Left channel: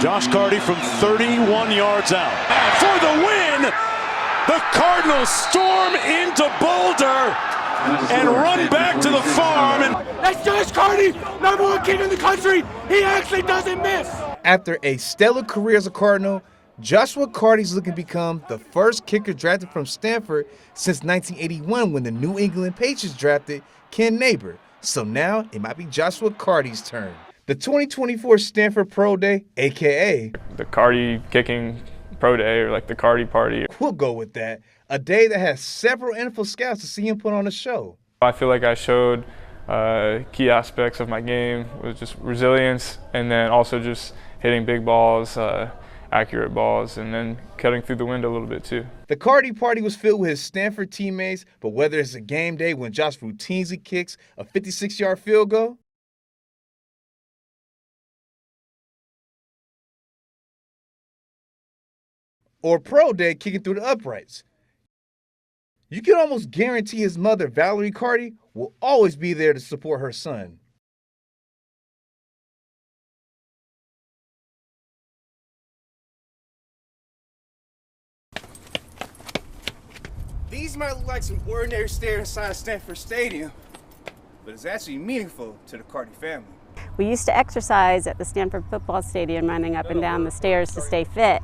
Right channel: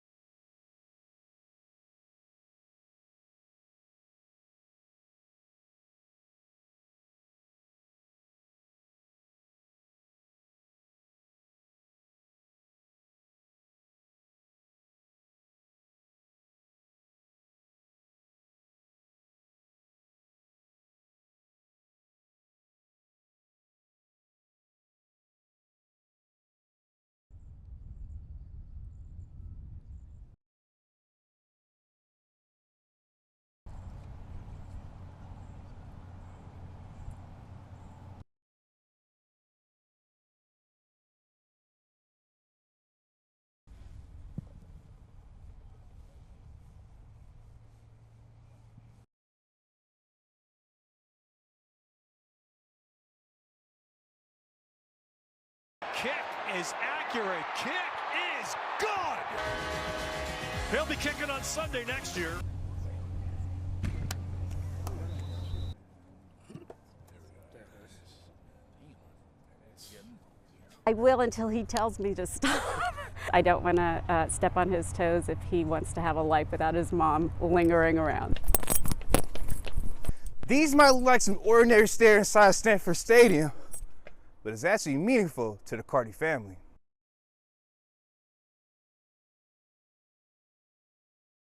Josh Karty from 31 yards out. And for the win, the Cardinals storm into Boulder and run back to the farm. And that's Josh Karty, #1 kicker in the country. He actually doesn't miss. After a stellar career as a Cardinal, Joshua Karty is looking to become the first kicker drafted from Stanford since 1981 when the New England Patriots drafted Ken Neighbor. So now it might be Joshua Karty's turn. The 2024 Stanford Pro Day, a.k.a. the Karty kicking pro day, or like the Karty party. We'll go with that. A day that has several NFL scouts to see him put on a show. I feel like I showed key aspects of my game, was just resilience, and then also just hitting big balls, accurate balls, and then cutting through the wind a little bit too. The Karty party was filled with his Stanford teammates, but whether it's a game day when Josh routinely kicks a 56-yard field goal, kick is accurate, kick is good. He'll be kicking on Sunday next year. or pro day kicking through the uprights, you can almost guarantee his mother, Valerie Karty, will always be there to support her son. I will until he tells me to stop. I don't want to step on his toes if he wants to have a life without his mom lingering around. These might look like some ordinary stairs inside Stanford Stadium, but it's actually meaningful to the Karty family. We used to exercise at the Stanford football stadium, running up and down the stairs to stay fit.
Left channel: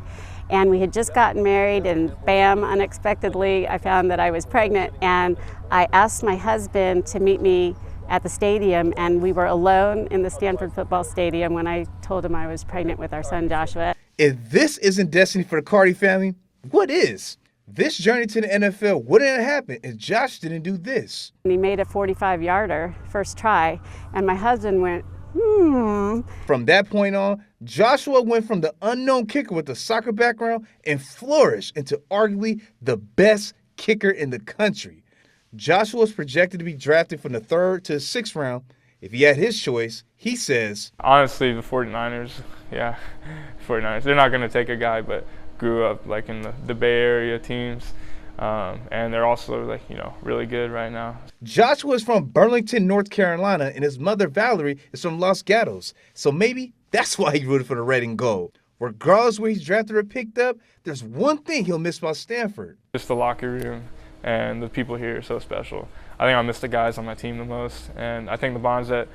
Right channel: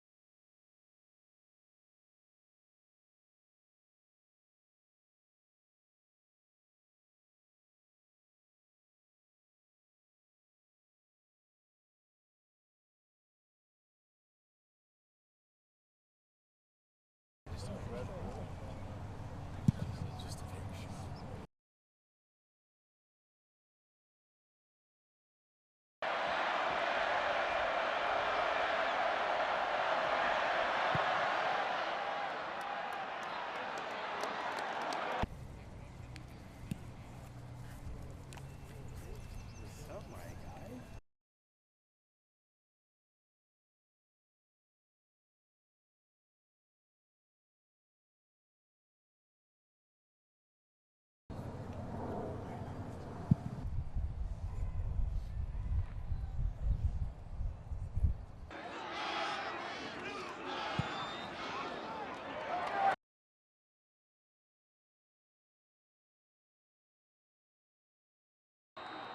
And we had just gotten married, and bam, unexpectedly, I found that I was pregnant. And I asked my husband to meet me at the stadium, and we were alone in the Stanford football stadium when I told him I was pregnant with our son, Joshua. If this isn't destiny for the Karty family, what is? This journey to the NFL wouldn't have happened if Josh didn't do this. And he made a 45-yarder first try, and my husband went, From that point on, Joshua went from the unknown kicker with a soccer background and flourished into arguably the best kicker in the country. Joshua was projected to be drafted from the 3rd to the 6th round. If he had his choice, he says, honestly, the 49ers, yeah, 49ers. They're not going to take a guy, but grew up like in the Bay Area teams, and they're also like, really good right now. Joshua is from Burlington, North Carolina, and his mother, Valerie, is from Los Gatos. So maybe that's why he rooted for the red and gold. Regardless where he's drafted or picked up, there's one thing he'll miss about Stanford. Just the locker room and the people here are so special. I think I miss the guys on my team the most, and I think the bonds that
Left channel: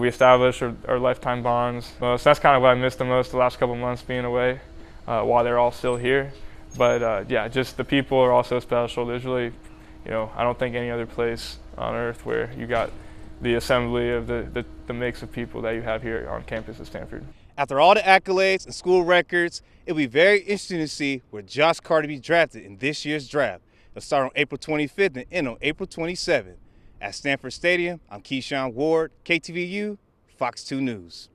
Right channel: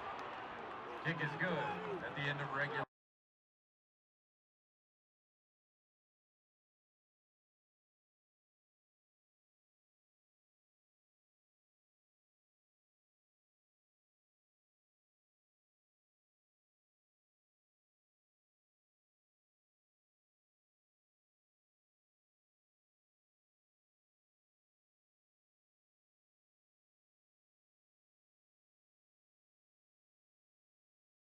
we established are lifetime bonds. So that's kind of what I missed the most the last couple months being away while they're all still here. But yeah, just the people are also special. There's really, I don't think any other place on earth where you got the assembly of the mix of people that you have here on campus at Stanford. After all the accolades and school records, it'll be very interesting to see where Josh Karty be drafted in this year's draft. It'll start on April 25th and end on April 27th. At Stanford Stadium, I'm Keyshawn Ward, KTVU, Fox 2 News.